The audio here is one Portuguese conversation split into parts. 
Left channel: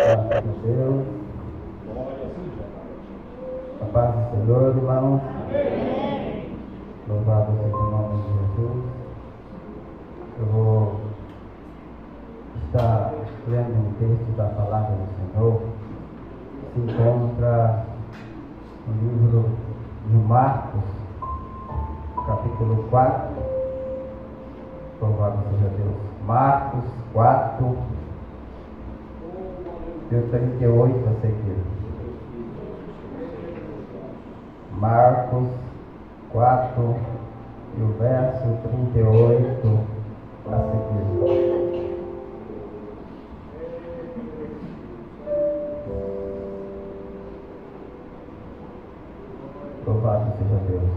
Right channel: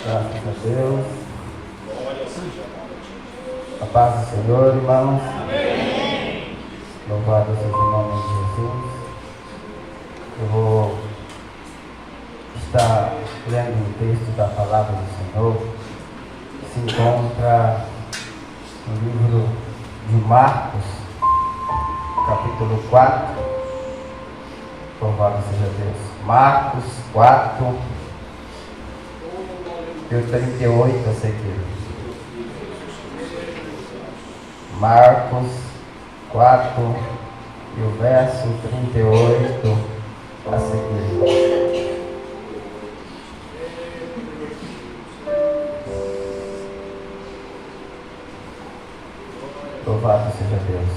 Graças a Deus. A paz do Senhor, irmãos. Amém. Louvado seja o nome de Jesus. Eu vou estar lendo um texto da palavra do Senhor que se encontra no livro de Marcos, capítulo 4. Louvado seja Deus. Marcos 4 e o 38 a seguir. Marcos 4 e o verso 38 a seguir. Louvado seja Deus.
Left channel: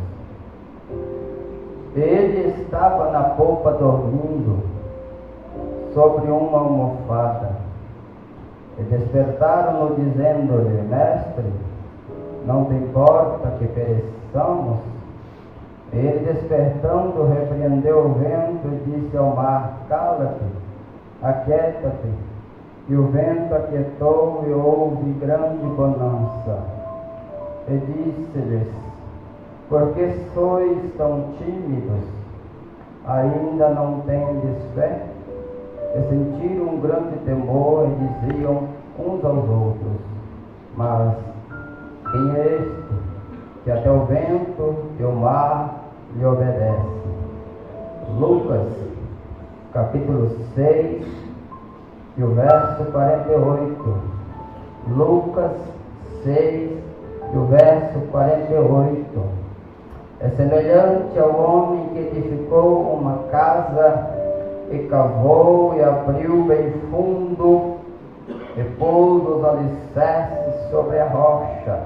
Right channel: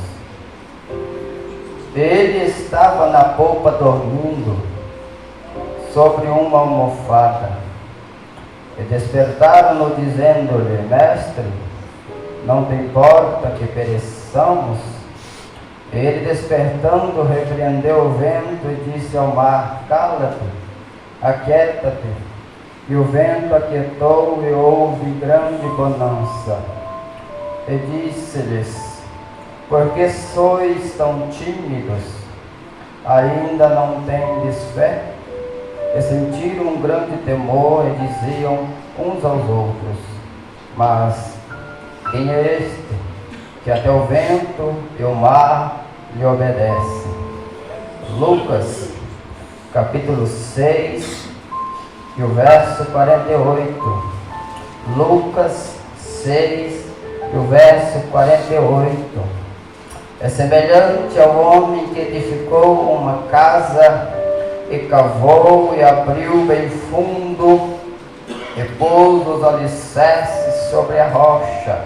Ele estava na polpa dormindo sobre uma almofada. E despertaram-no dizendo-lhe: Mestre, não te importa que pereçamos? Ele, despertando, repreendeu o vento e disse ao mar: Cala-te, aquieta-te. E o vento aquietou e houve grande bonança. E disse-lhes: Por que sois tão tímidos? Ainda não tendes fé? E sentiram um grande temor e diziam uns aos outros: Mas quem é este, que até o vento e o mar lhe obedecem? Lucas, capítulo 6, e o verso 48. Lucas 6, e o verso 48. É semelhante ao homem que edificou uma casa e cavou e abriu bem fundo e pôs os alicerces sobre a rocha.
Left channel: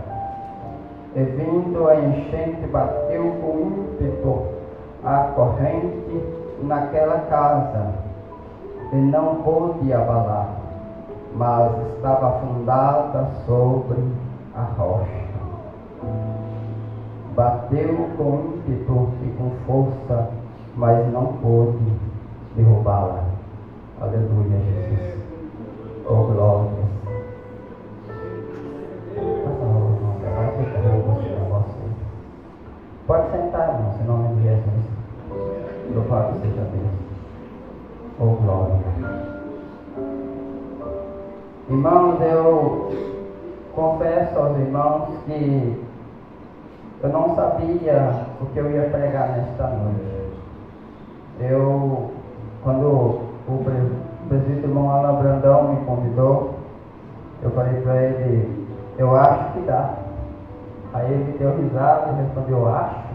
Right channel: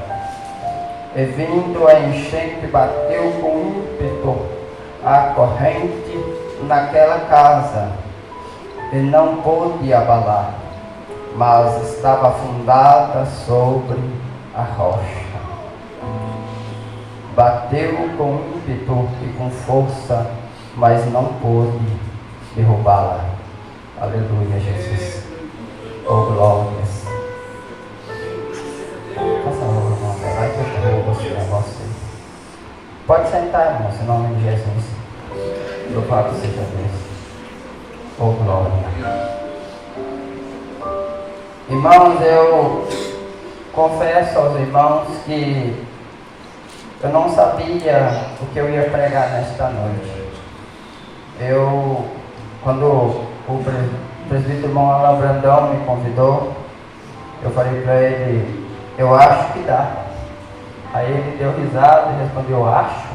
E vindo a enchente, bateu com ímpeto a corrente naquela casa, e não pôde abalar, mas estava fundada sobre a rocha. Bateu com ímpeto e com força, mas não pôde derrubá-la. Aleluia, Jesus. Oh, glórias. Faça a obra, irmão. Vai que eu derrubo esse negócio. Pode sentar, irmão, em nome de Jesus. Louvado seja Deus. Oh, glória. Irmãos, eu confesso aos irmãos que eu não sabia o que eu ia pregar nesta noite. Quando o presbítero irmão Alain Brandão me convidou, eu falei para ele: eu acho que dá. Aí ele deu risada e respondeu: eu acho.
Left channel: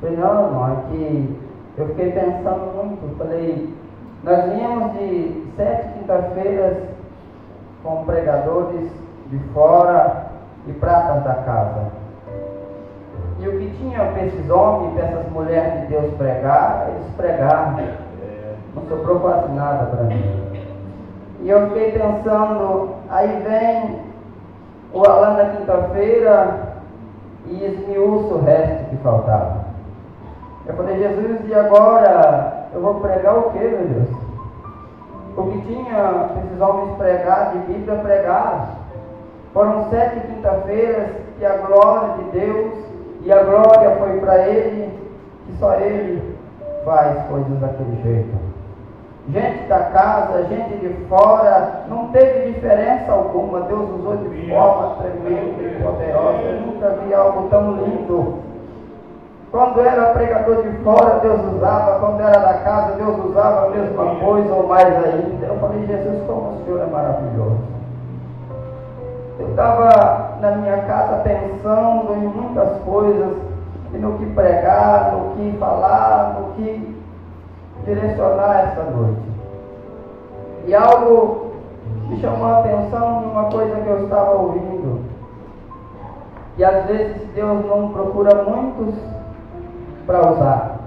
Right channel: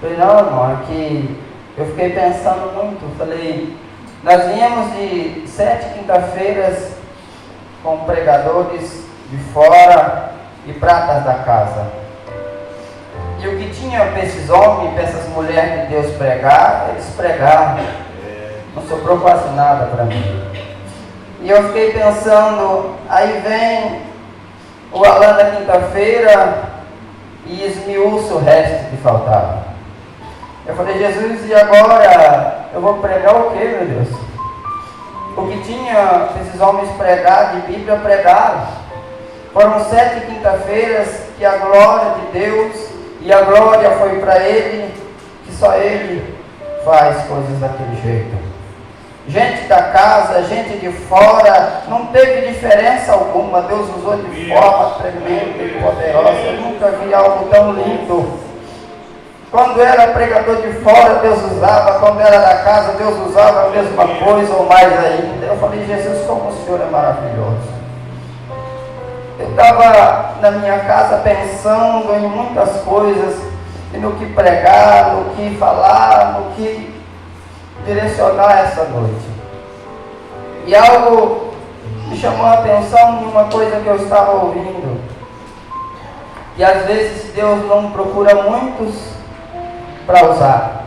Eu falei: não, irmão, aqui eu fiquei pensando muito. Falei: nós viemos de 7 quinta-feiras com pregadores de fora e pratas da casa. E o que tinha para esses homens, para essas mulheres de Deus pregar, eles pregaram. Não sobrou quase nada para mim. E eu fiquei pensando, aí vem o Alain na quinta-feira e esmiuça o resto que faltava. Eu falei: Jesus, e agora eu vou pregar o que, meu Deus? O que tinha esses homens pregar de Bíblia, pregaram. Foram 7 quinta-feiras que a glória de Deus, e a glória foi para Ele, que só Ele faz coisas daquele jeito. Gente da casa, gente de fora, não teve diferença alguma. Deus usou de forma tremenda e poderosa. Eu nunca vi algo tão lindo. Quando era pregador de fora, Deus usava. Quando era da casa, Deus usava a mesma coisa ou mais ainda. Eu falei: Jesus, como o Senhor é maravilhoso. Eu estava na minha casa pensando em muitas coisas, e no que pregar, no que falar, no que direcionar essa noite. E algo me chamou a atenção em uma coisa que eu estava ouvindo. E às vezes Deus não procura muitos para usar.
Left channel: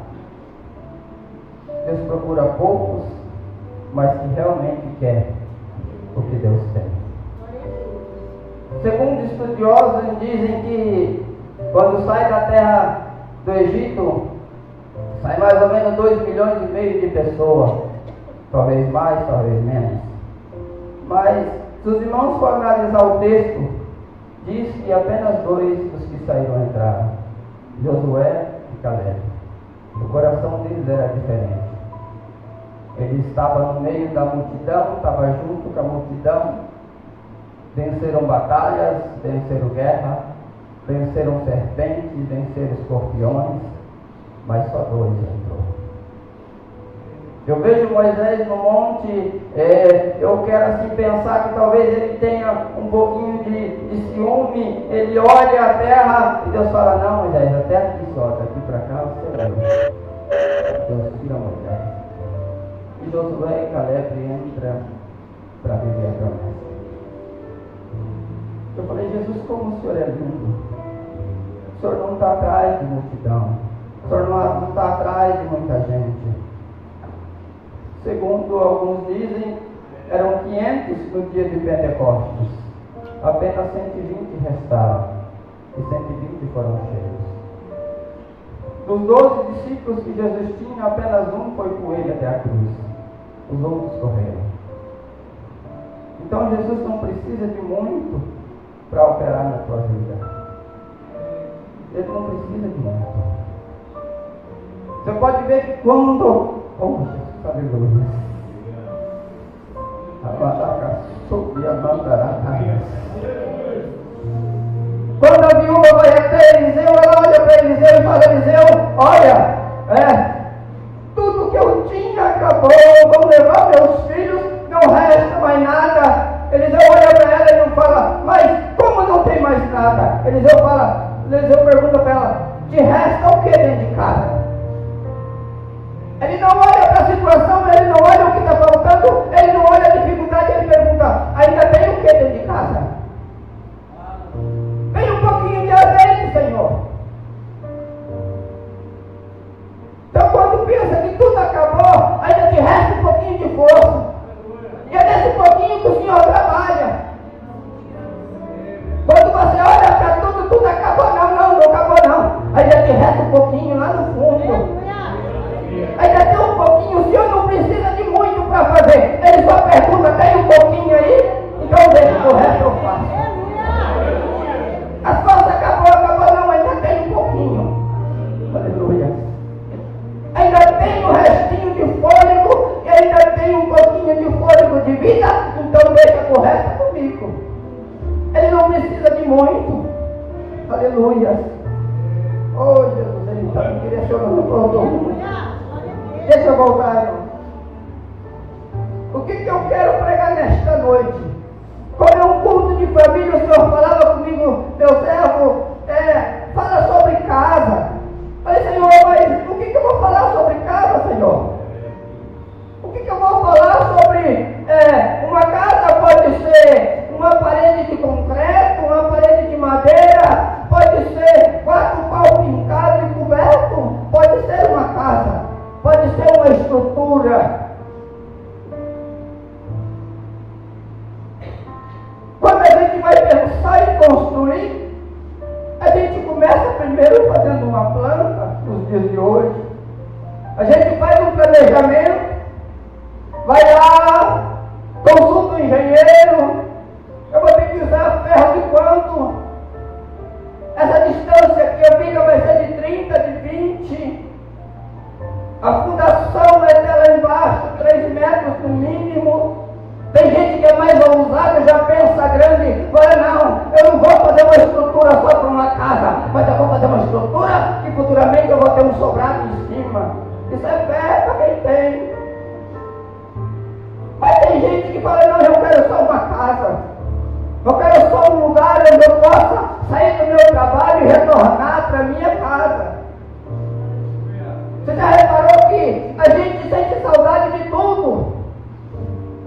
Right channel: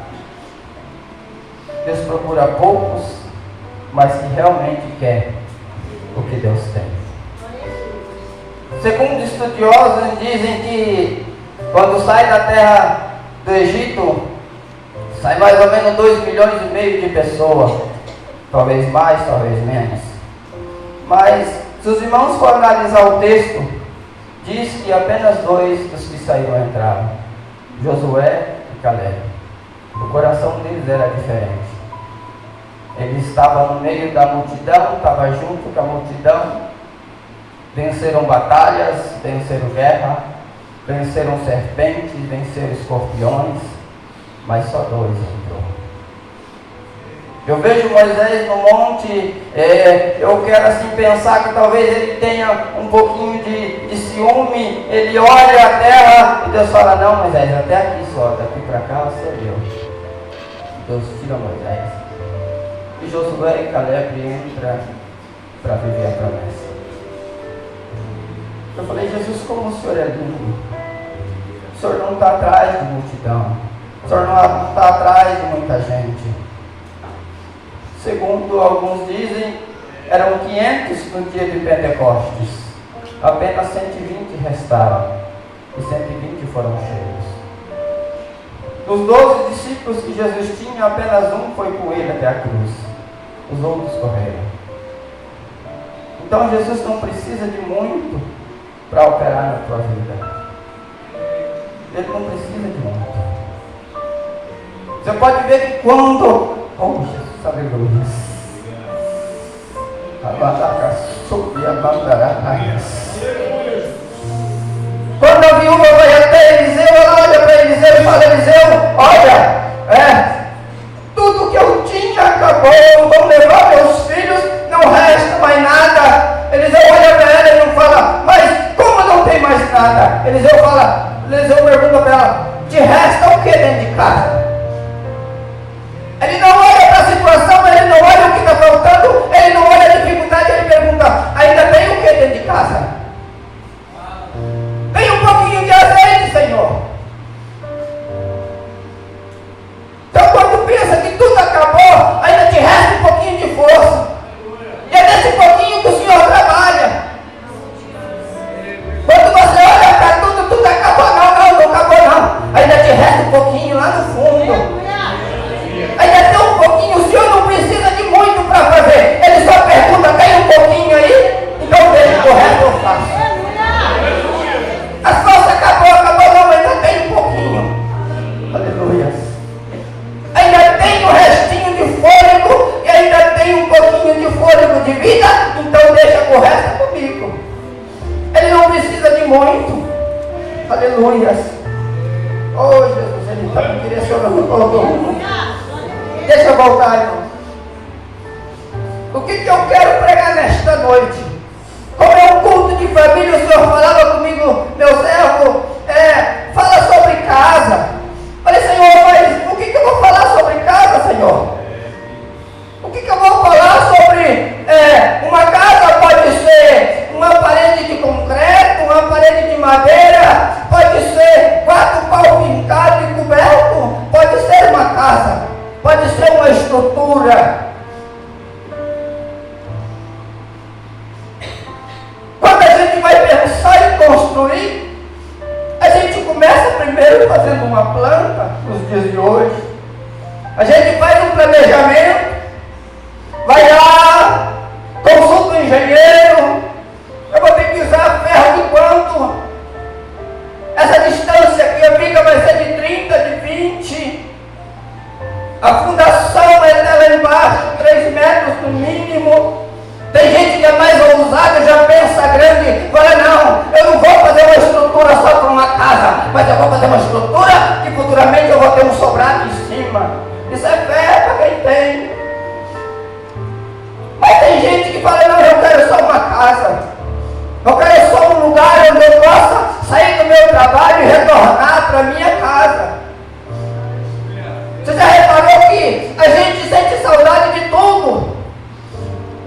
Deus procura poucos, mas que realmente quer o que Deus tem. Segundo estudiosos, dizem que quando sai da terra do Egito, sai mais ou menos 2,5 milhões de pessoas. Talvez mais, talvez menos. Mas Se os irmãos forem analisar o texto, diz que apenas 2 dos que saíram entraram, Josué e Caleb. O coração deles era diferente. Ele estava no meio da multidão, estava junto com a multidão, venceram batalhas, venceram guerra, venceram serpentes, venceram escorpiões, mas só 2 entrou. Eu vejo Moisés no monte, eu quero assim pensar que talvez ele tenha um pouquinho de ciúme, ele olha a terra e Deus fala, não Moisés, até aqui só, daqui para cá você leva. Deus tira Moisés. E Josué e Caleb entram para viver a promessa. Eu falei, Jesus, como o Senhor é lindo. O Senhor não está atrás de multidão. O Senhor não está atrás de muita gente. Segundo alguns dizem, eram 500 no dia de Pentecostes. Apenas 120 restaram. E 120 foram cheios. Dos 12 discípulos que Jesus tinha, apenas um foi com ele até a cruz. Os outros correram. Então Jesus não precisa de muito para operar na tua vida. Ele não precisa de muito. Você pode ver que quando... Oh, Jesus, aleluia. Quando a viúva vai até Eliseu, ela olha para Eliseu e fala, Eliseu, olha, tudo que eu tinha acabou, vão levar meus filhos, não resta mais nada. Eliseu olha para ela e não fala, mas como não tem mais nada? Eliseu pergunta para ela, te resta o que dentro de casa? Ele não olha para a situação, ele não olha o que está faltando, ele não olha a dificuldade, ele pergunta, ainda tem o que dentro de casa? Tem um pouquinho de azeite, Senhor. Então quando pensa que tudo acabou, ainda te resta um pouquinho de força. E é nesse pouquinho que o Senhor trabalha. Quando você olha para tudo acabou, não acabou não. Ainda te resta um pouquinho lá no fundo. Ainda tem um pouquinho, o Senhor não precisa de muito para fazer. Ele só pergunta, tem um pouquinho aí? Então deixa que o resto eu faço. A força acabou, não, ainda tem um pouquinho. Aleluia. Ainda tem um restinho de fôlego e ainda tem um pouquinho de fôlego de vida, então deixa que o resto comigo. Ele não precisa de muito. Aleluia. Oh Jesus, ele está me direcionando todo mundo. Deixa eu voltar, irmão. O que eu quero pregar nesta noite? Como é um culto de família, o Senhor falava comigo, meu servo, fala sobre casa. Falei, Senhor, mas o que eu vou falar sobre casa, Senhor? O que eu vou falar sobre uma casa? Pode ser uma parede de concreto, uma parede de madeira, pode ser 4 pau pincado e coberto, pode ser uma casa, pode ser uma estrutura. Quando a gente vai pensar em construir, a gente começa primeiro fazendo uma planta, nos dias de hoje. A gente faz um planejamento, vai lá, consulta o engenheiro, eu vou ter que usar ferro de quanto? Essa distância aqui, a viga vai ser de 30, de 20. A fundação é até lá embaixo, 3 metros no mínimo. Tem gente que é mais ousada, já pensa grande, fala, não, eu não vou fazer uma estrutura só para uma casa, mas eu vou fazer uma estrutura que futuramente eu vou ter um sobrado em cima. Isso é fé para quem tem. Mas tem gente que fala, não, eu quero só uma casa. Eu quero só um lugar onde eu possa sair do meu trabalho e retornar para a minha casa. Você já reparou que a gente sente saudade de tudo?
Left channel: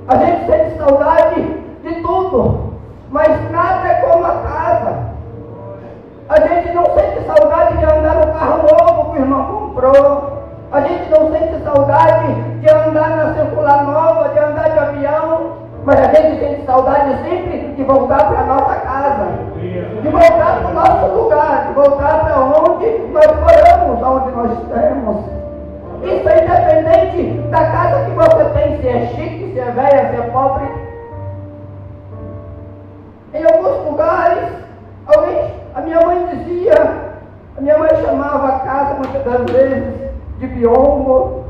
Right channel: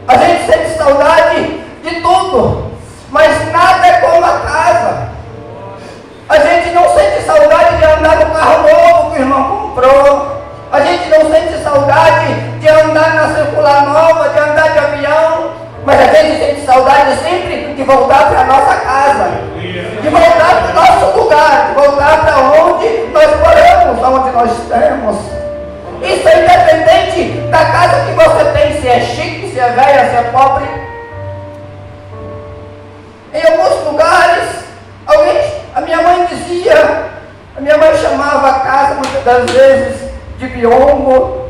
A gente sente saudade de tudo, mas nada é como a casa. A gente não sente saudade de andar no carro novo que o irmão comprou. A gente não sente saudade de andar na circular nova, de andar de avião. Mas a gente sente saudade sempre de voltar para a nossa casa, de voltar para o nosso lugar, de voltar para onde nós moramos, onde nós estamos. Isso é independente da casa que você tem, se é chique, se é velha, se é pobre. dizia, a minha mãe chamava a casa muitas das vezes de biombo,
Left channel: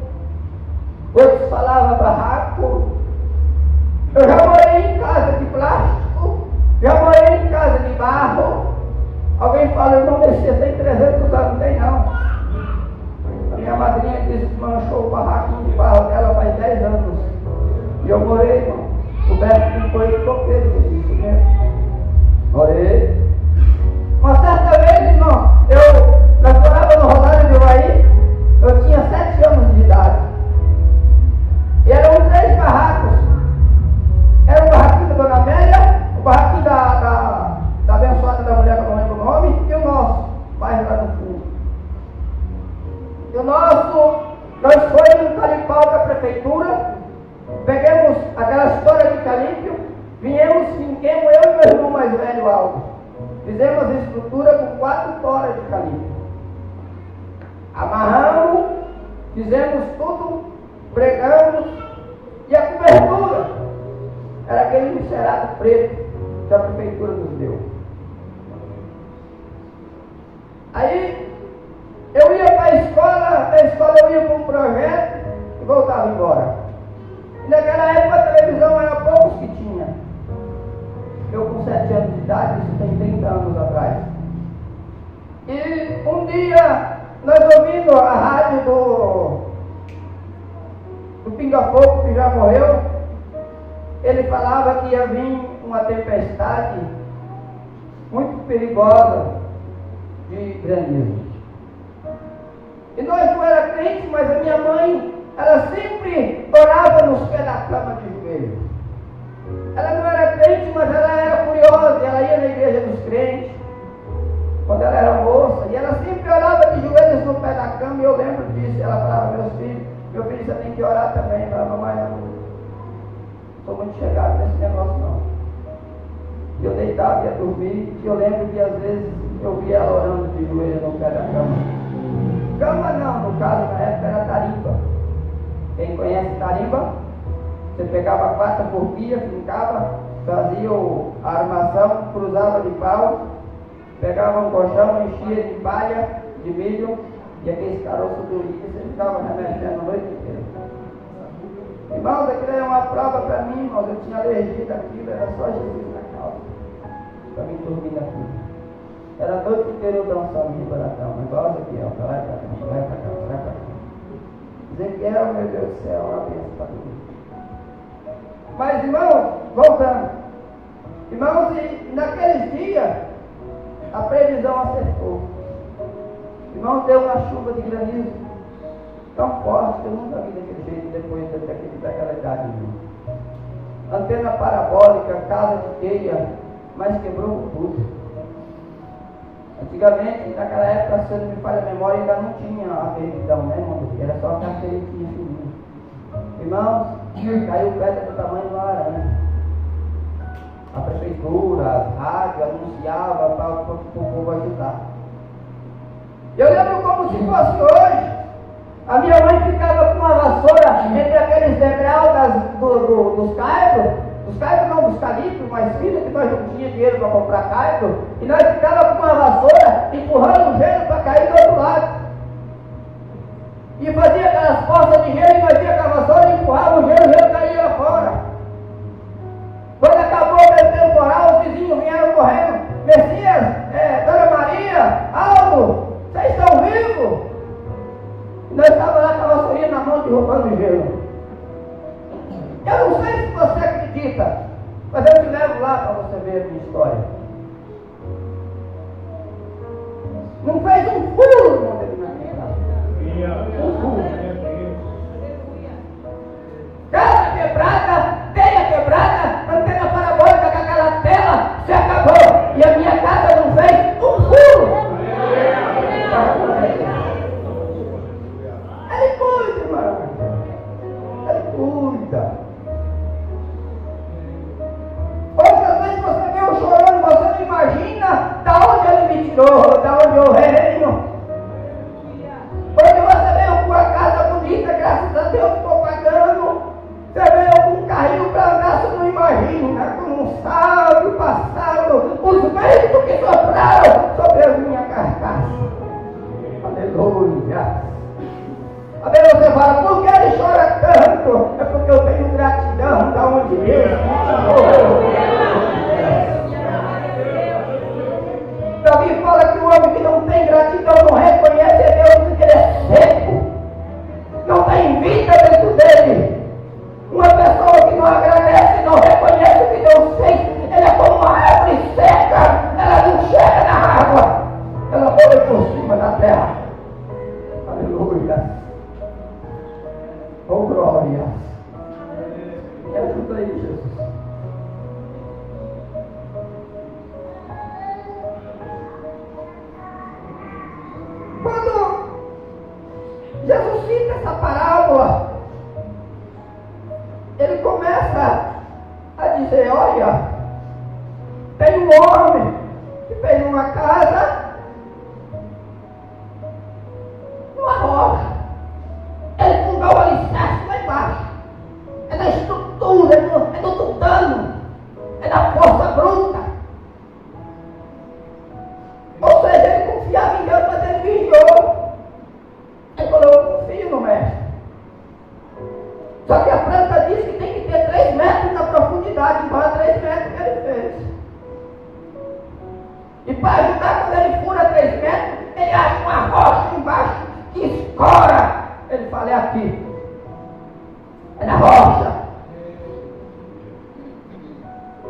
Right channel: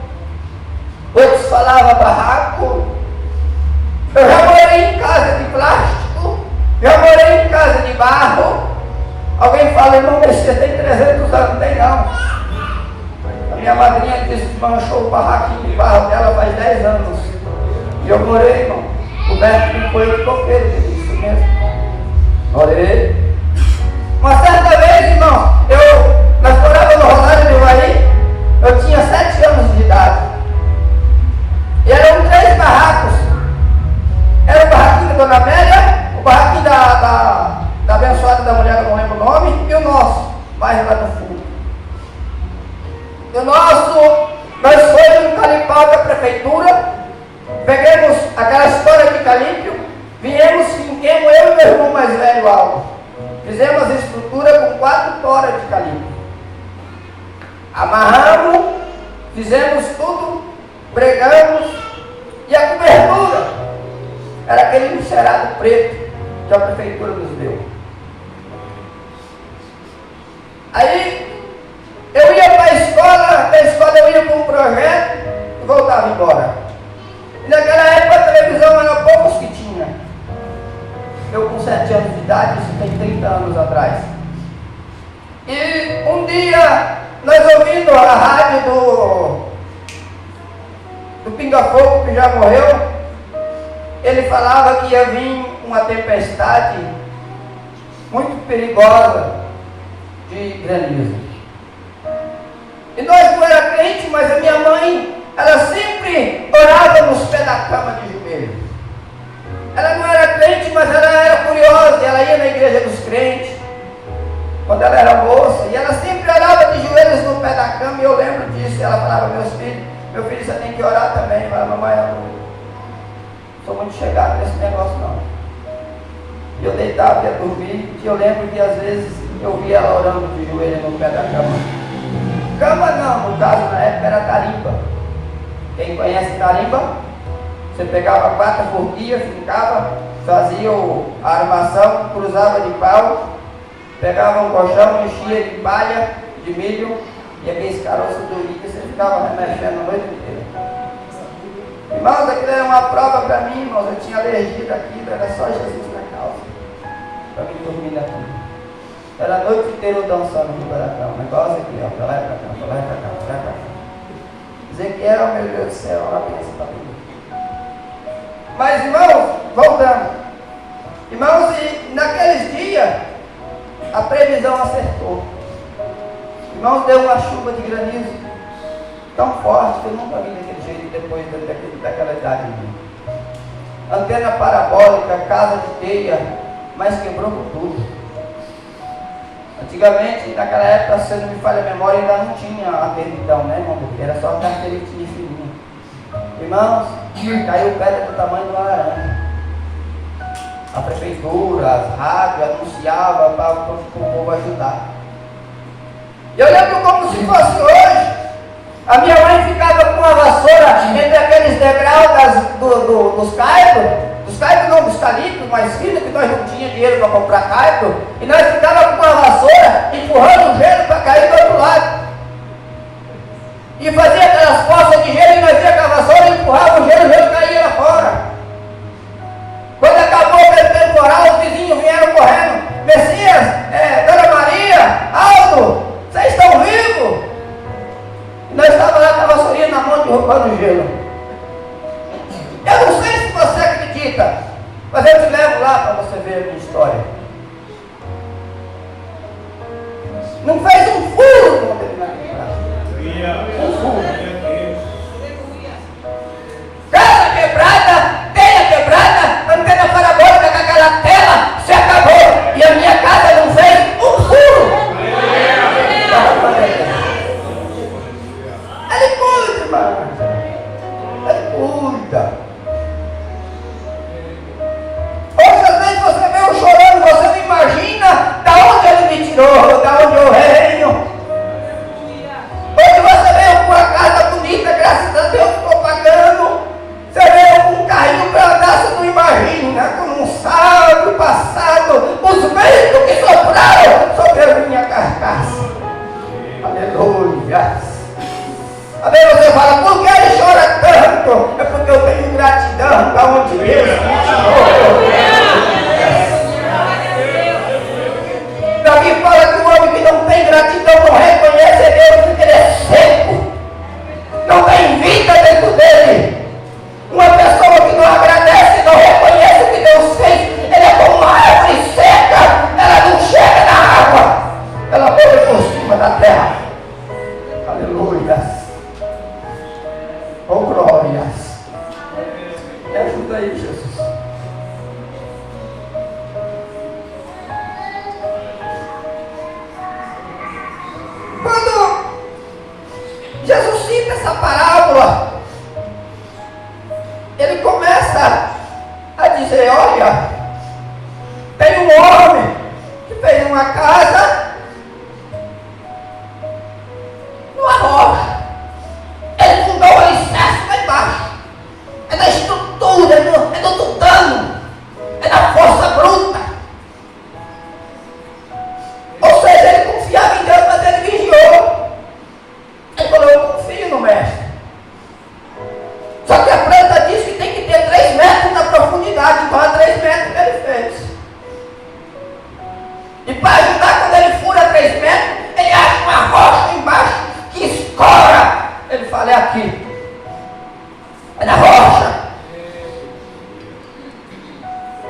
outros falavam barraco. Eu já morei em casa de plástico, já morei em casa de barro. Alguém fala, irmão, você tem 300 anos, não tem não. A minha madrinha disse que manchou o barraquinho de barro dela faz 10 anos. E eu morei, irmão. O Beto me foi de coqueiro, isso mesmo. Morei. Uma certa vez, irmão, nós morávamos no Rosário do Ivaí, eu tinha 7 anos de idade. E eram 3 barracos. Era o barraquinho da Dona Amélia, o barraquinho da abençoada da mulher, eu não lembro o nome, e o nosso, bairro lá no fundo. O nosso, nós fomos no Calipau da prefeitura, peguemos aquela história de Calípio, viemos, finquemos, eu e meu irmão mais velho, Aldo. Fizemos a estrutura com 4 toras de Calípio. Amarramos, fizemos tudo, pregamos, e a cobertura era aquele encerado preto que a prefeitura nos deu. Aí eu ia para a escola, da escola eu ia para um projeto e voltava embora. E naquela época a televisão era poucos que tinha. Eu com 7 anos de idade, isso tem 30 anos atrás. E um dia, nós ouvindo a rádio do Pinga Fogo, que já morreu, ele falava que ia vir uma tempestade muito perigosa de granizo. E nós não era crente, mas a minha mãe, ela sempre orava nos pés da cama de joelho. Ela não era crente, mas ela era curiosa, ela ia na igreja dos crentes, quando ela era moça, e ela sempre orava de joelhos no pé da cama, e eu lembro disso. Ela falava, meu filho, você tem que orar também. Eu falava, mamãe, eu não sou muito chegado nesse negócio não. E eu deitava, ia dormir, e eu lembro que às vezes eu via ela orando de joelho no pé da cama. Cama não, no caso na época era tarimba. Quem conhece tarimba? Você pegava 4 forquilhas, fincava, fazia a armação, cruzava de pau, pegava um colchão, enchia de palha, de milho, e aqueles caroços do milho, você ficava remexendo a noite inteira. Irmãos, aquilo era uma prova para mim, irmãos, eu tinha alergia daquilo, era só Jesus na calça, para me dormir daquilo. Era a noite inteira eu dançando no da cama, o negócio aqui, ó, pra lá e pra cá, pra lá e pra cá, pra lá e pra cá. Dizer que era, meu Deus do céu, uma bênção para mim. Mas, irmãos, voltando. Irmãos, e naqueles dias, a previsão acertou. Irmãos, deu uma chuva de granizo tão forte que eu nunca vi daquele jeito depois daquela idade. Antena parabólica, casa de teia, mas quebrou tudo. Antigamente, naquela época, se não me falha a memória, ainda não tinha antena então, né, irmão? Era só carteirinha de fininho. Irmãos, caiu pedra do tamanho de uma laranja. A prefeitura, as rádios anunciavam para o povo ajudar. E eu lembro como se fosse hoje. A minha mãe ficava com uma vassoura entre aqueles degraus dos caibros. Dos caibros não, dos calipos mais finos, que nós não tínhamos dinheiro para comprar caibro. E nós ficávamos com uma vassoura empurrando o gelo para cair do outro lado. E fazia aquelas poças de gelo e nós ia com a vassoura e empurrava o gelo caía lá fora. Quando acabou o temporal, os vizinhos vieram correndo. Messias, Dona Maria, Aldo, vocês estão vivos? E nós estávamos lá com a vassourinha na mão derrubando o gelo. Eu não sei se você acredita, mas eu te levo lá para você ver a minha história. Não fez um furo no determinado. Um furo. Casa quebrada, telha quebrada, antena parabólica com aquela tela, se acabou. E a minha casa não fez um furo. Ele cuida, irmão. Ele cuida. Outras vezes você vê eu chorando, você não imagina da onde ele me tirou, da onde eu venho. Hoje você veio com a casa Deus não reconhece é Deus porque ele é seco. Não tem vida dentro dele. Uma pessoa que não agradece, não reconhece o que Deus fez, ele é como uma árvore seca. Ela não chega na água, ela põe por cima da terra. Aleluia. Oh, glórias. Me ajuda aí, Jesus. Quando Jesus cita essa parábola, ele começa a dizer: olha, tem um homem que fez uma casa numa rocha. Ele fundou o alicerce lá embaixo. É na estrutura, é no tutano, é na força bruta. Ou seja, ele confiava em Deus, mas ele vigiou. Ele falou: eu confio no mestre. Só que a planta diz que tem que ter 3 metros na profundidade, então a 3 metros ele fez. E para ajudar, quando ele fura 3 metros, ele acha uma rocha embaixo que escora. Ele fala: é aqui, é na rocha.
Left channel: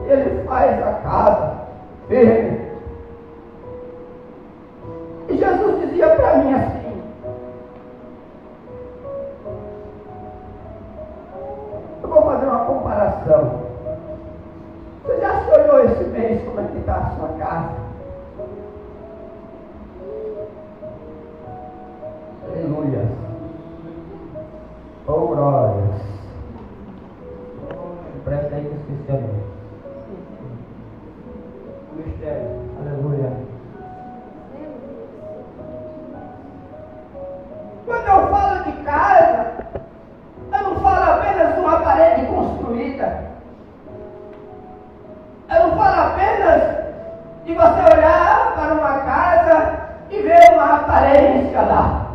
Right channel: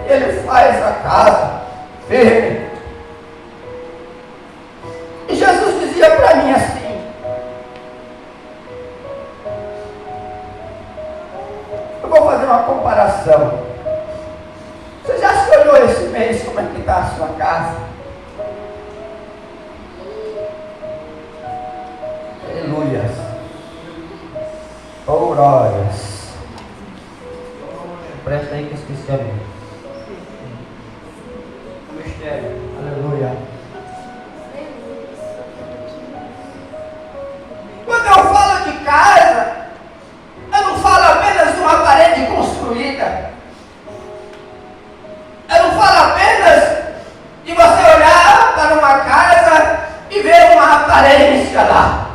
Ele faz a casa firme. E Jesus dizia para mim assim: eu vou fazer uma comparação. Você já se olhou esse mês como é que está a sua casa? Aleluia. Oh, glórias. Presta aí que eu esqueci a mim. O mistério. Aleluia. Quando eu falo de casa, eu não falo apenas de uma parede construída. Eu não falo apenas de você olhar para uma casa e ver uma aparência lá.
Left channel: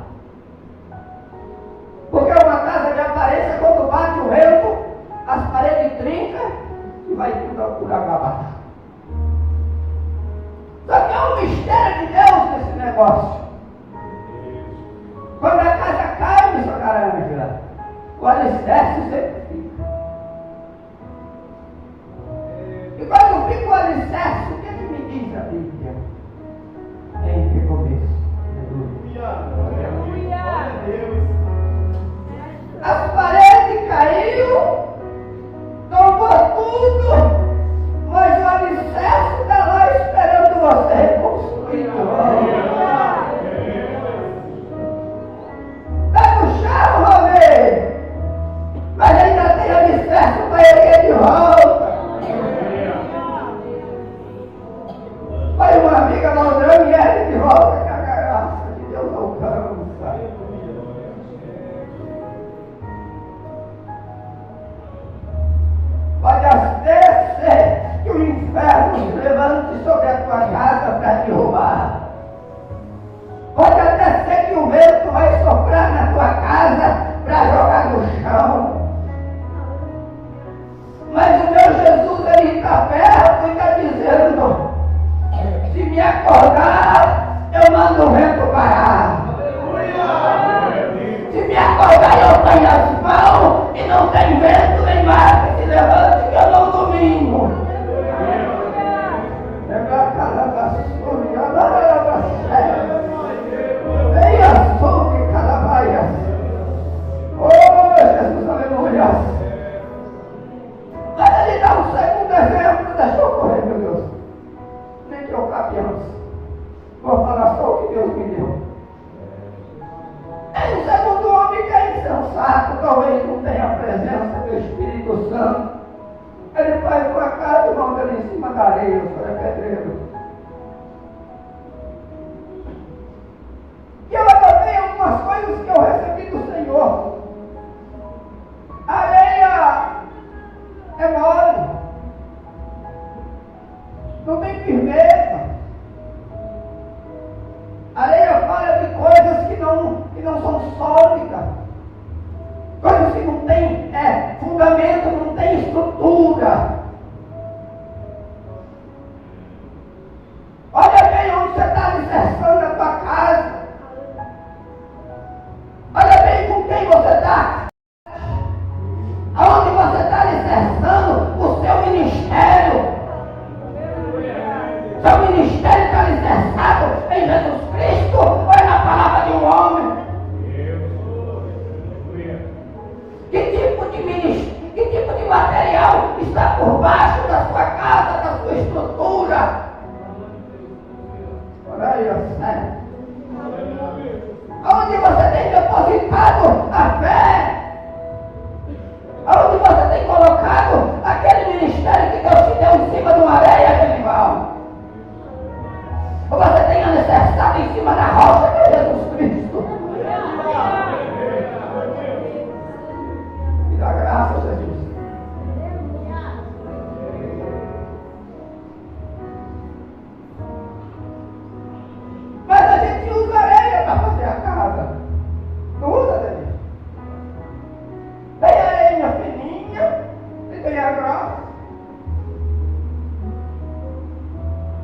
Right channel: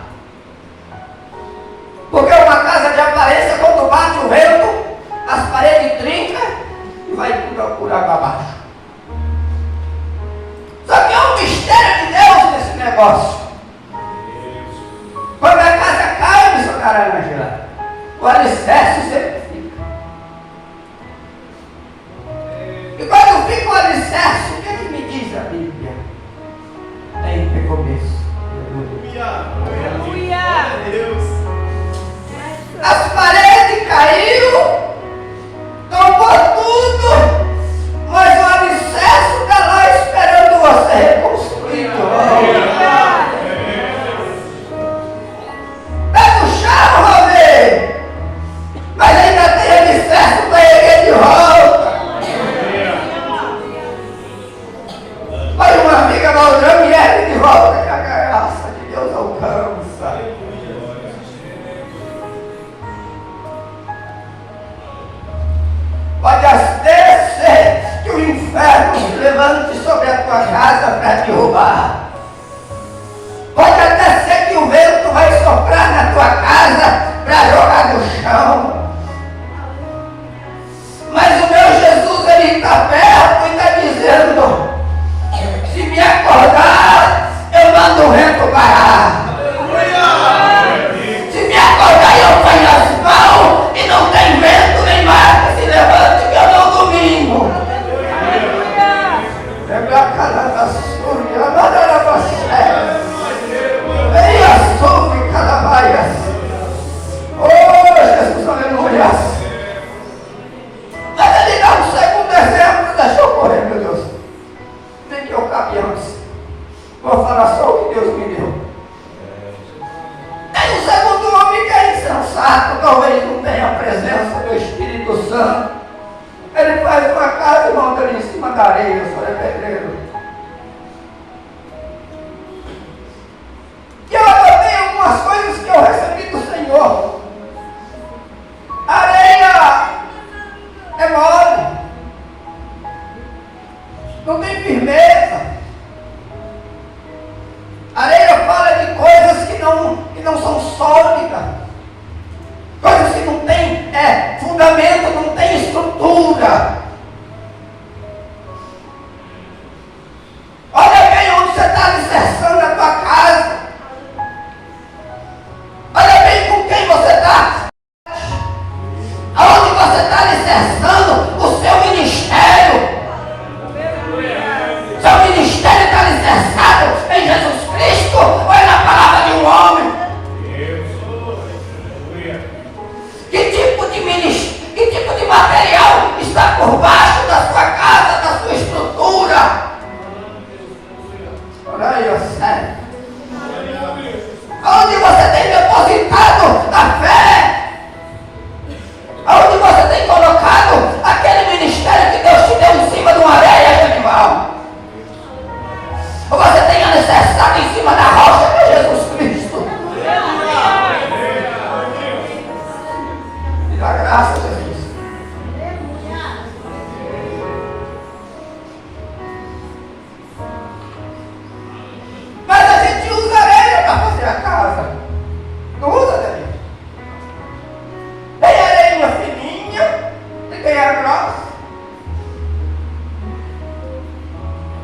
Porque uma casa de aparência, quando bate o vento, as paredes trincam e vai tudo por água abaixo. Só que há um mistério de Deus nesse negócio. Quando a casa cai, missionária Ângela, o alicerce sempre fica. E quando fica o alicerce, o que é que me diz a Bíblia? Em recomeço. Aleluia. Deus. As paredes caíram, tombou tudo, mas o alicerce está lá esperando você reconstruir. Está no chão, Romê, mas ainda tem alicerce para erguer de volta. Vai uma amiga malgrando e ergue de volta, que a graça de Deus alcança. Pode até ser que o inferno se levante sobre a tua casa para derrubar. Pode até ser que o vento vai soprar na tua casa para jogar no chão. Mas o meu Jesus, ele está perto e está dizendo: se me acordar, eu mando o vento parar. Se me acordar, eu ponho as mãos e não tem vento nem mar que se levante, que eu não domingo. Lembra a cara da súria, a madara da séria. Vem a súria, calabaias. Oh, Jesus, aleluia. Mas ele dá um segundo exemplo, deixa eu correr, meu Deus. Nem que eu cabe antes. Vou falar só o que Deus me deu. Tem um segundo homem que é insensato, talvez não tenha a presença do Espírito Santo. Ele faz uma casa e monta ali em cima da areia, o senhor é pedreiro. E eu anotei algumas coisas que eu recebi do Senhor. A areia é mole, não tem firmeza. A areia fala de coisas que não são sólidas, coisas que não têm fundamento, não tem estrutura. Olha bem onde você está alicerçando a tua casa.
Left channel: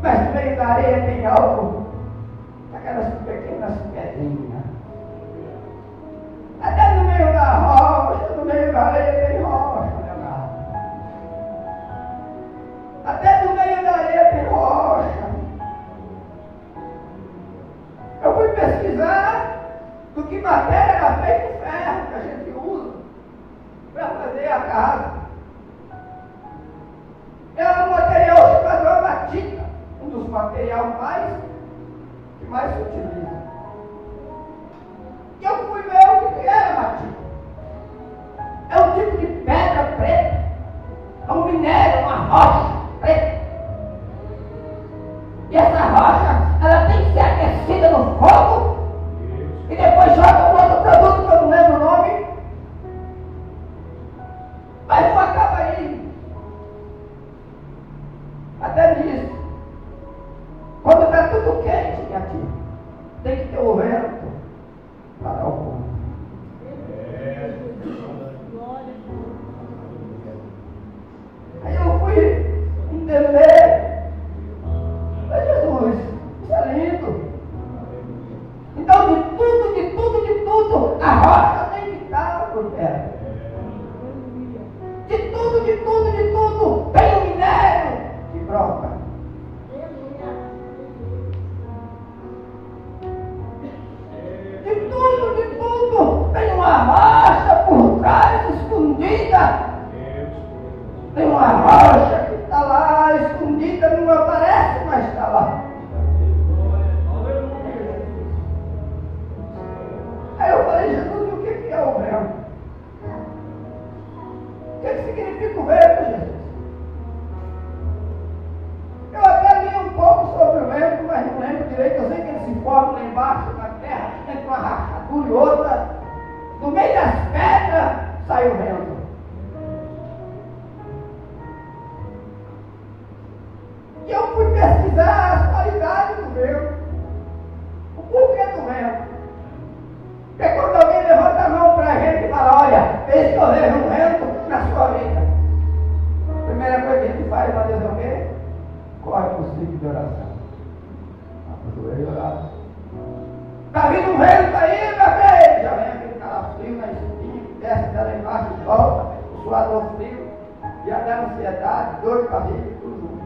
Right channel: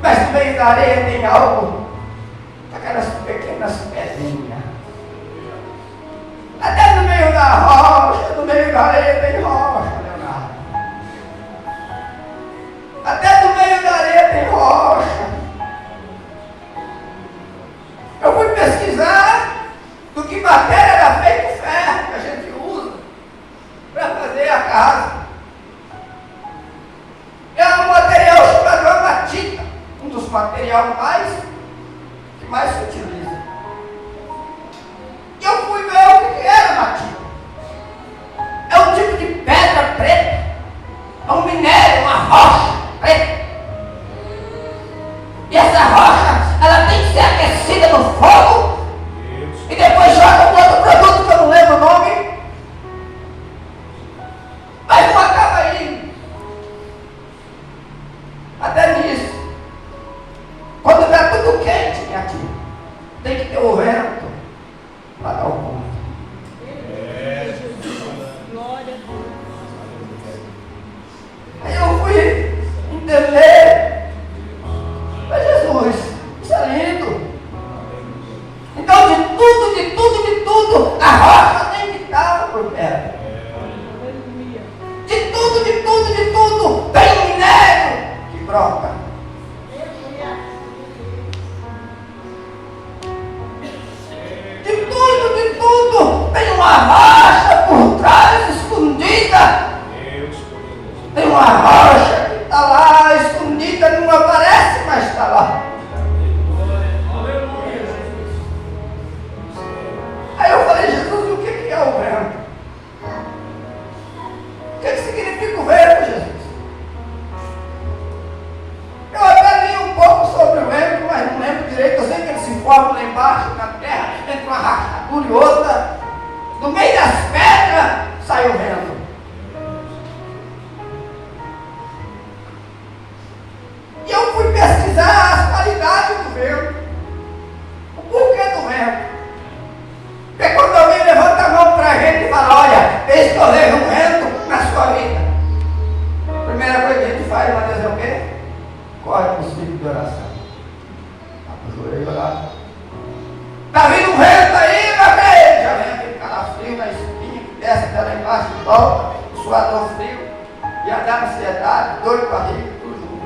Mas no meio da areia tem algo, aquelas pequenas pedrinhas. Até no meio da rocha, no meio da areia tem rocha, Leonardo. Até no meio da areia tem rocha. Eu fui pesquisar do que matéria era feito o ferro que a gente usa para fazer a casa. É um material chamado amatita, um dos materiais que mais se utiliza. E eu fui ver o que era amatita. É um tipo de pedra preta, é um minério, uma rocha preta. E essa rocha, ela tem que ser aquecida no fogo e depois joga um outro produto que eu não lembro o nome, mas não acaba aí. Até nisso, quando está tudo quente aqui, tem que ter o vento para dar o ponto. Aí eu fui entender, mas Jesus, isso é lindo. Então de tudo, a rocha tem que estar por perto. De tudo, tem um minério que brota. De tudo, tem uma rocha por trás escondida. Tem uma rocha que está lá escondida, não aparece, mas está lá. Aí eu falei, Jesus, o que é o vento? O que significa o vento, Jesus? Eu até li um pouco sobre o vento, mas não lembro direito. Eu sei que ele se forma lá embaixo, na terra, entre uma rachadura e outra. No meio das pedras sai o vento. E eu fui pesquisar as qualidades do vento. O porquê do vento. Porque quando alguém levanta a mão para a gente e fala, olha, escolher um vento na sua vida, a primeira coisa que a gente faz, uma vez é o quê? Corre para os filhos de oração. Ajoelha lá. Está vindo um vento aí, meu filho? Já vem aquele calafrio na espinha, que desce até lá embaixo e volta, o suador frio, e a da ansiedade, dor de barriga, tudo junto.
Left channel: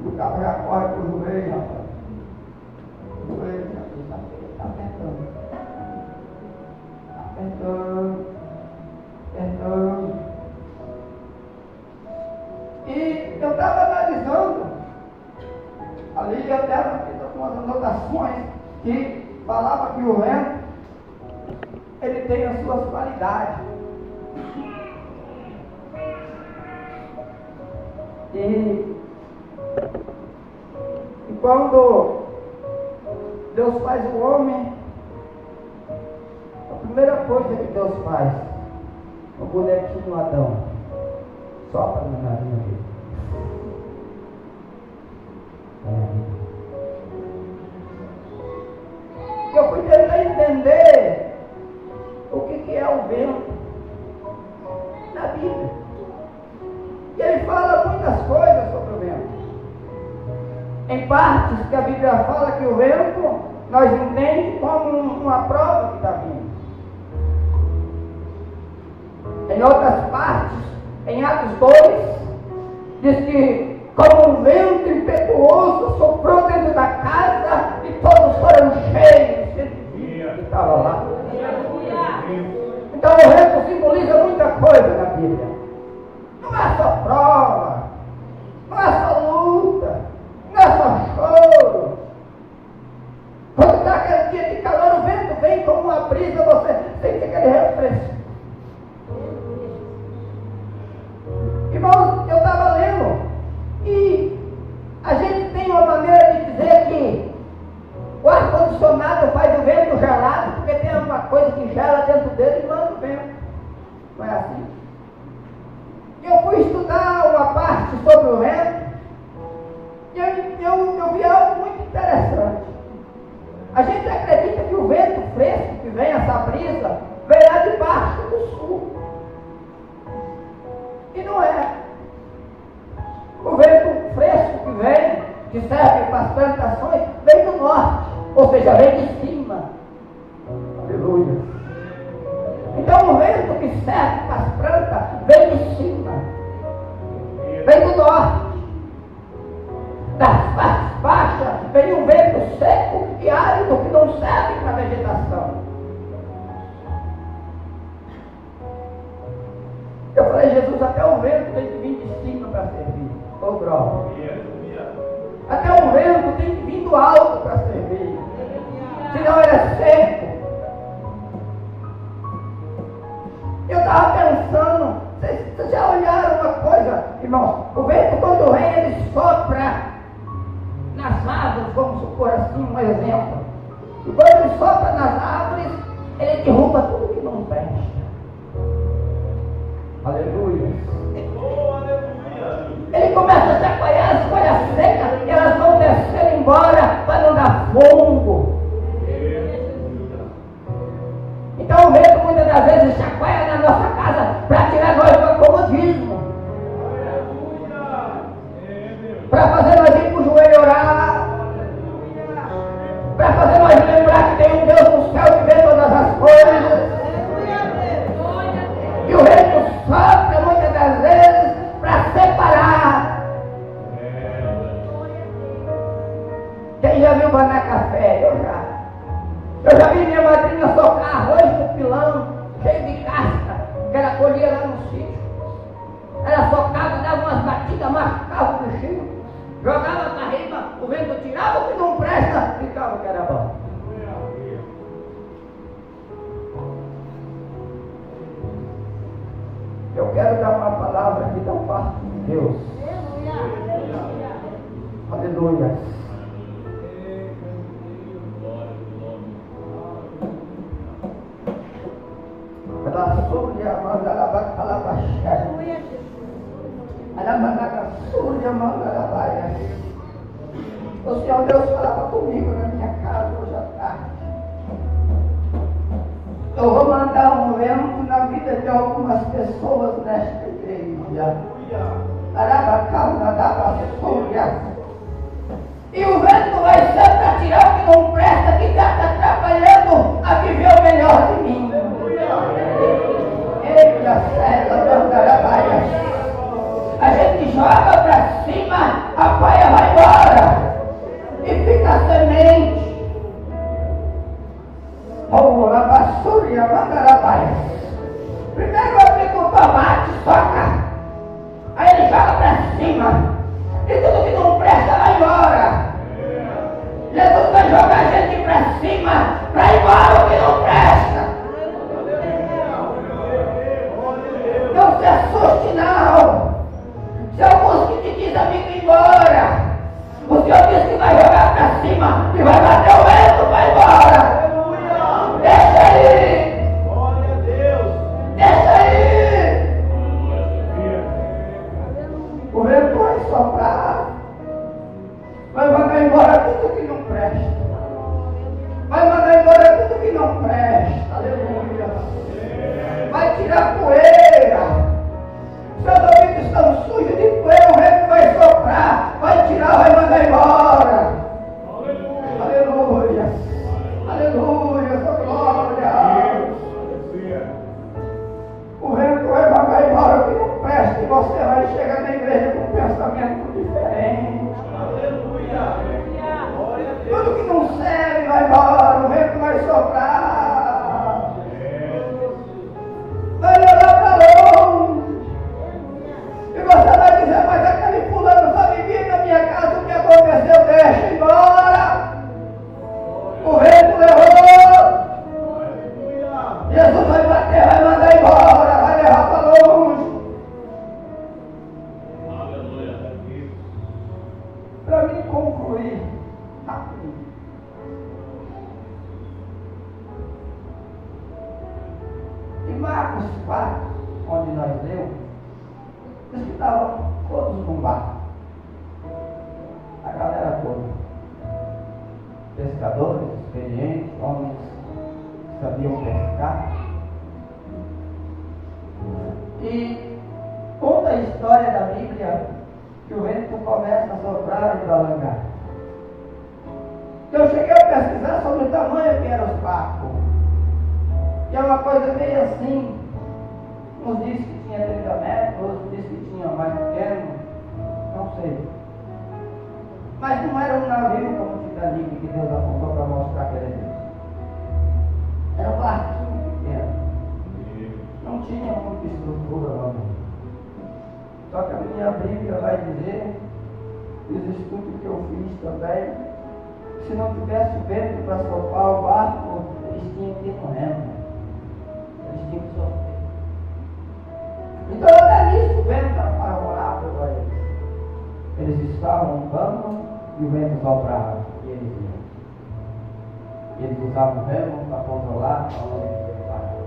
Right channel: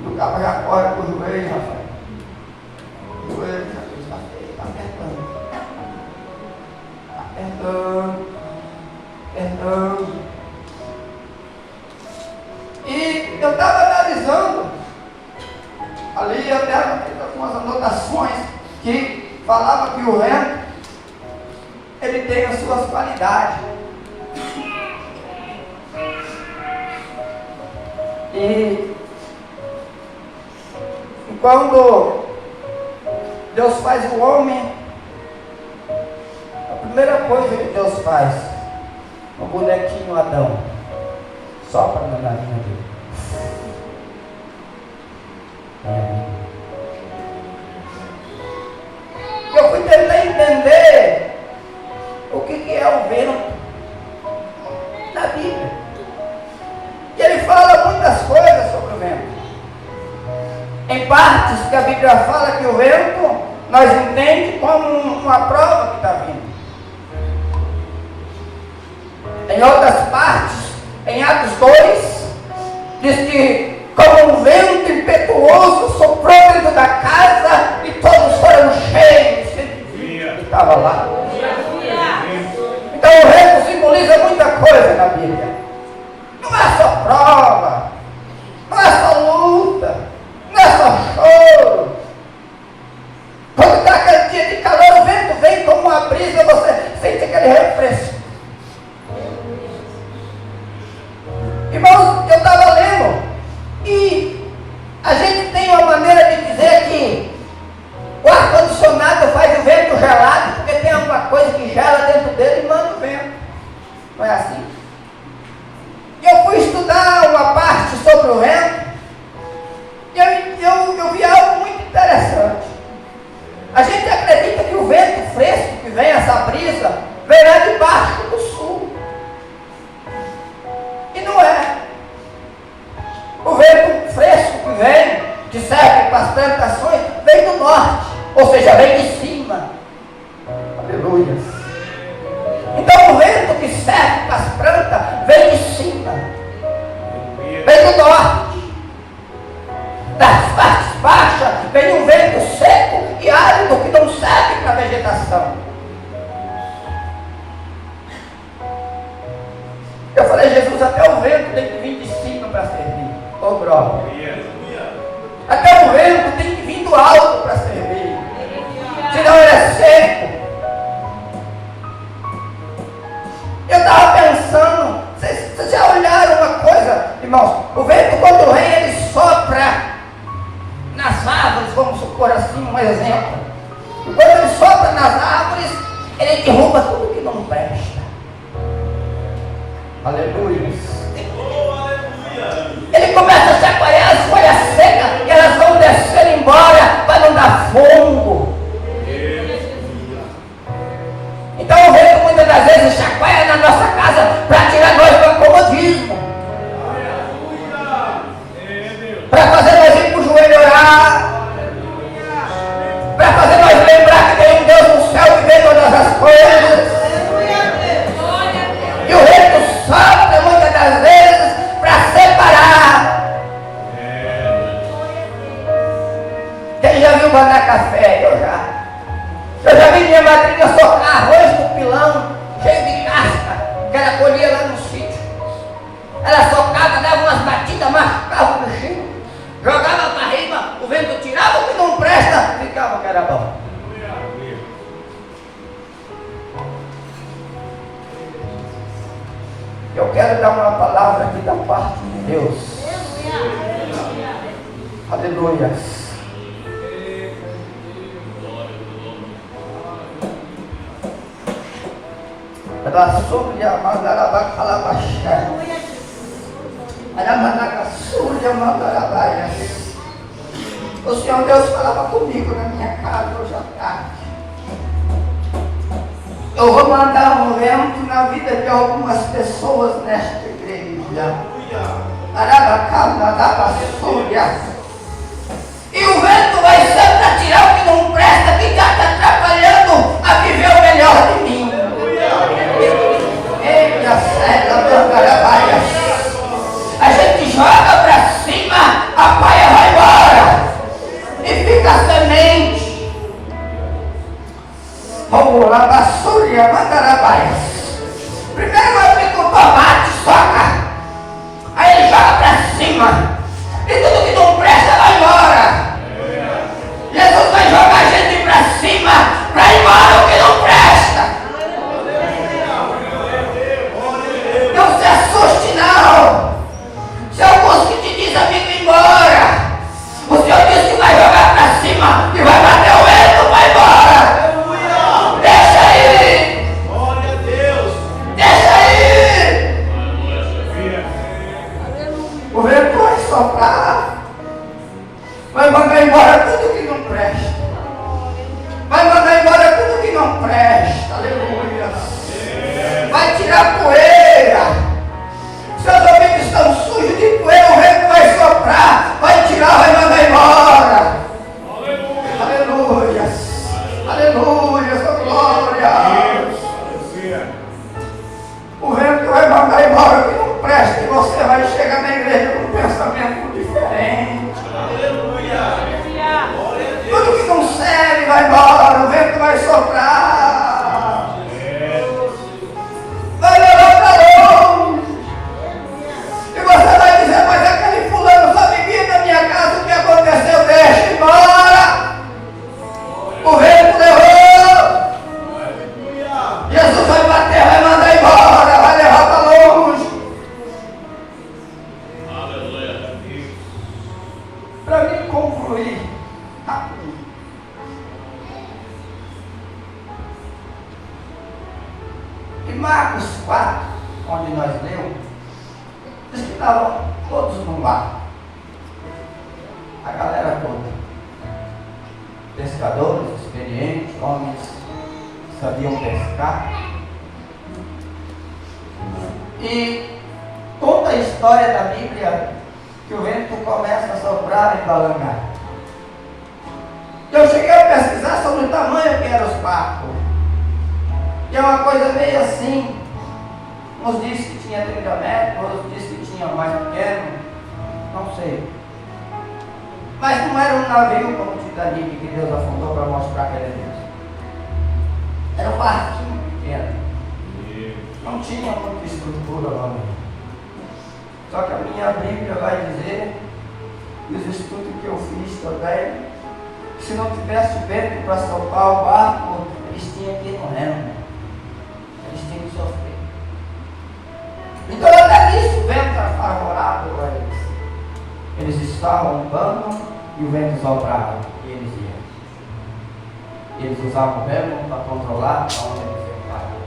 E o cabo já corre para o joelho, Rafael. O joelho, está apertando. E eu estava analisando, ali eu até algumas anotações que falava que o vento, ele tem as suas qualidades. E quando Deus faz o homem, a primeira coisa que Deus faz, o bonequinho Adão, sopra na narina dele. Eu fui tentar entender o que é o vento na Bíblia. E ele fala muitas coisas sobre o vento. Em partes que a Bíblia fala que o vento, nós entendemos como uma prova que está vindo. Em outras partes, em Atos 2, diz que como um vento impetuoso soprou dentro da casa e todos foram cheios que estava lá. Então o vento simboliza muita coisa na Bíblia. Não é só prova, não é só luta, não é só choro. Quando está aquele dia de calor, o vento vem como uma brisa, você sente aquele refresco. Irmãos, eu estava lendo e a gente tem uma maneira de dizer que o ar-condicionado faz o vento gelado, porque tem alguma coisa que gela dentro dele e manda o vento. Não é assim? Eu fui estudar uma serve para as plantações vem do norte, ou seja, vem de cima. Aleluia. Então o vento que serve para as plantas vem de cima, vem do norte. Das partes baixas vem um vento seco e árido que não serve para a vegetação. Eu falei, Jesus, até o vento tem que vir de cima para servir. Ô glória. Até o vento tem que vir do alto para servir. Senão ele é seco. Eu estava pensando, vocês já olharam uma coisa, irmãos? O vento quando vem, ele sopra nas árvores, vamos supor assim, um exemplo. E quando ele sopra nas árvores, ele derruba tudo que não presta. Aleluia. Ele começa a chacoalhar as folhas secas e elas vão descer embora para não dar fogo. Então o vento muitas das vezes chacoalha na nossa casa para tirar nós do acomodismo, para fazer nós ir para o joelho orar, para fazer nós lembrar que tem um Deus no céu que vê todas as coisas. E o vento sopra muitas das vezes para separar. Quem já viu mandar café? Eu já vi minha madrinha socar arroz do pilão, cheio de casca, que ela colhia lá no sítio. Ela socava, dava umas batidas, machucava o bichinho, jogava para rima, o vento tirava o que não presta, ficava o que era bom. Eu quero dar uma palavra aqui da parte de Deus. Aleluia. O Senhor Deus falava comigo na minha casa hoje à tarde. Eu vou mandar um vento na vida de algumas pessoas nesta igreja. E o vento vai ser para tirar o que não presta, que está te atrapalhando a viver o melhor de mim. Eita, a gente joga para cima, a paia vai embora e fica a semente. Vamos lá, basúria, mandarabaias. Primeiro eu fico o tomate, soca. Aí ele joga para cima e tudo que não presta vai embora. Jesus vai jogar a gente para cima para ir embora o que não presta. Não se assuste não. Se alguns que te dizem amigo ir embora, o Senhor disse que vai jogar para cima e vai bater o vento, vai embora. Deixa aí. Glória a Deus. Deixa aí. O vento vai soprar, vai mandar embora tudo que não presta. Vai mandar embora tudo que não presta. Aleluia. Vai tirar poeira. Seus ouvidos estão sujos de poeira, o vento vai soprar, vai tirar, vai mandar embora. Aleluia. Aleluia, sua glória. O vento vai mandar embora o que não presta e você vai chegar na igreja com um pensamento diferente. Tudo que não serve vai embora, o vento vai soprar. Vai levar para longe. E você vai dizer, mas aquele fulano só vivia na minha casa, o que aconteceu? Deixa embora. O vento levou. Jesus vai bater, vai mandar embora, vai levar para longe. Para mim concluir rapidinho. Em Marcos 4, onde nós lemos, diz que estavam todos no mar. A galera toda. Pescadores, experientes, homens que sabiam pescar. E conta a história da Bíblia que o vento começa a soprar e balançar. Eu cheguei a pesquisar sobre o tamanho que eram os barcos. E é uma coisa meio assim. Uns dizem que tinha 30 metros, outros dizem que tinha mais pequeno. Não sei. Mas não era um navio como o Titanic que Deus afundou para mostrar que ele é Deus. Era um barquinho pequeno. Não tinha muita estrutura lá. Só que a minha Bíblia vai dizer, e os estudos que eu fiz também, que se não tivesse vento para soprar o barco, eles tinham que ir no remo. Eles tinham que sofrer. Então até nisso o vento era favorável para eles. Eles estavam no banco e o vento soprava e eles iam. E eles usavam o remo para controlar aonde eles ficavam.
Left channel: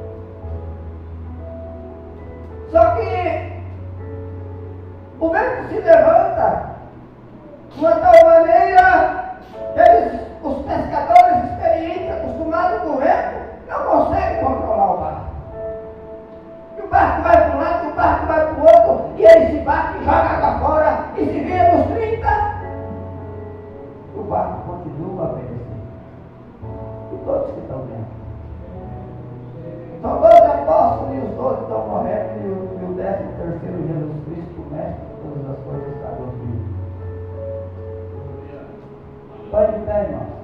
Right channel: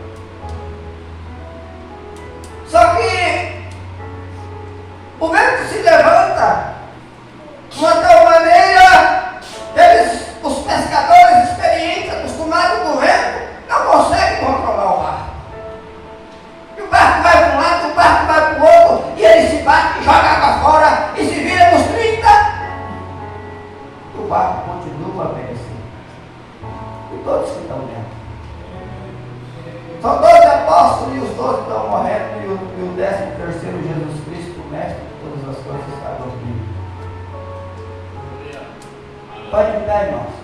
Só que o vento se levanta de uma tal maneira que os pescadores experientes, acostumados com o vento, não conseguem controlar o barco. E o barco vai para um lado, o barco vai para o outro, e ele se bate, joga água fora e se vira nos 30. E o barco continua a perecer. E todos que estão dentro. São 12 apóstolos e os 12 estão morrendo, e o 13º Jesus Cristo, o mestre de todas as coisas, está dormindo. Pode ficar, irmãos.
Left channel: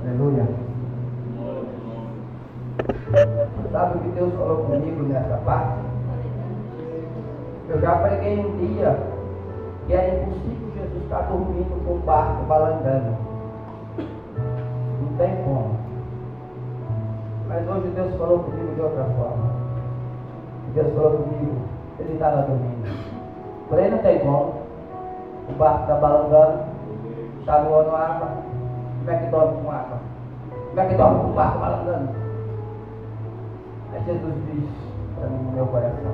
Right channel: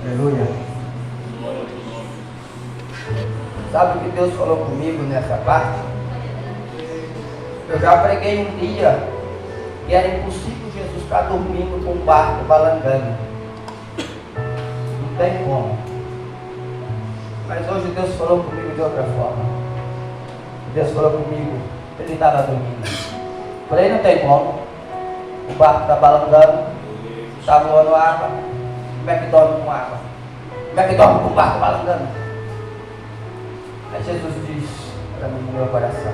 Aleluia. Sabe o que Deus falou comigo nessa parte? Eu já preguei um dia que era impossível Jesus estar dormindo com o barco balangando. Não tem como. Mas hoje Deus falou comigo de outra forma. Deus falou comigo, ele estava dormindo. Falei, não tem como. O barco está balangando, está voando água. Como é que dorme com água? Como é que dorme com o barco balangando? Aí Jesus diz para mim no meu coração:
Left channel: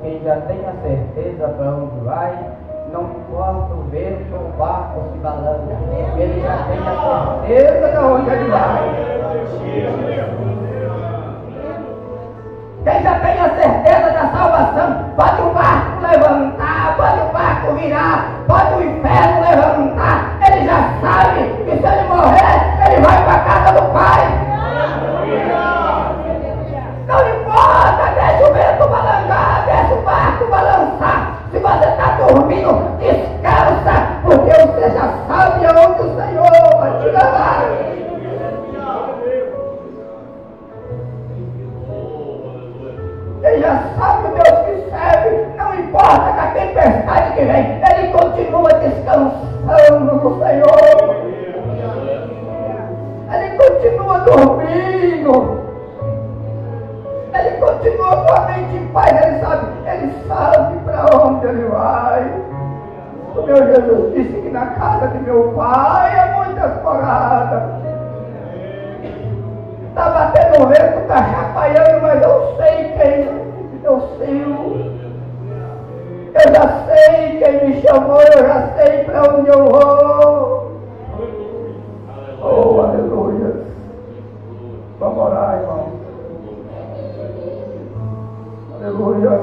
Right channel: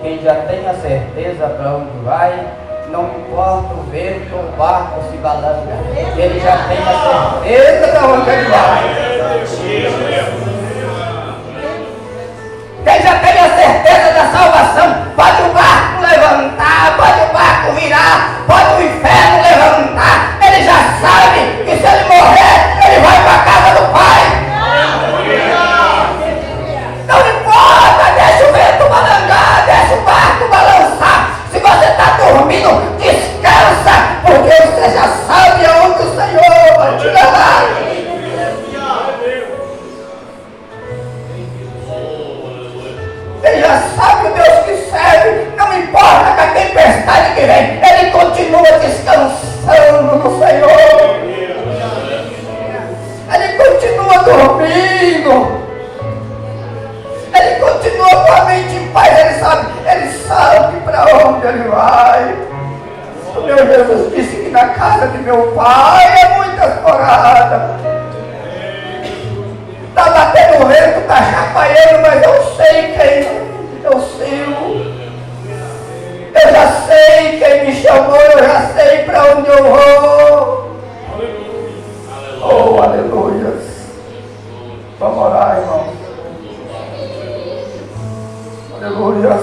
quem já tem a certeza para onde vai, não importa o vento, o barco se balança. Ele já tem a certeza para onde ele vai. Quem já tem a certeza da salvação, pode o barco levantar, pode o barco virar, pode o inferno levantar. Ele já sabe que se ele morrer, ele vai para a casa do Pai. Não importa, deixa o vento balançar, deixa o barco balançar. Se você está dormindo, descansa, porque você já sabe aonde o Senhor vai te levar. Ele já sabe o Deus que serve, não importa com a tempestade que vem, ele continua descansando no Senhor. Ele continua dormindo. Ele continua com a mente em paz, ele sabe para onde ele vai. O meu Jesus disse que na casa de meu pai há muitas moradas. Está batendo vento, está chacoalhando, mas eu sei quem eu sigo. Eu já sei quem me chamou, eu já sei para onde eu vou. Oh, aleluia. Vamos orar, irmãos. Aleluia.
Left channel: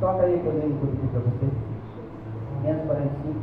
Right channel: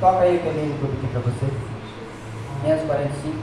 Toca aí aquele hino que eu pedi para você. 545.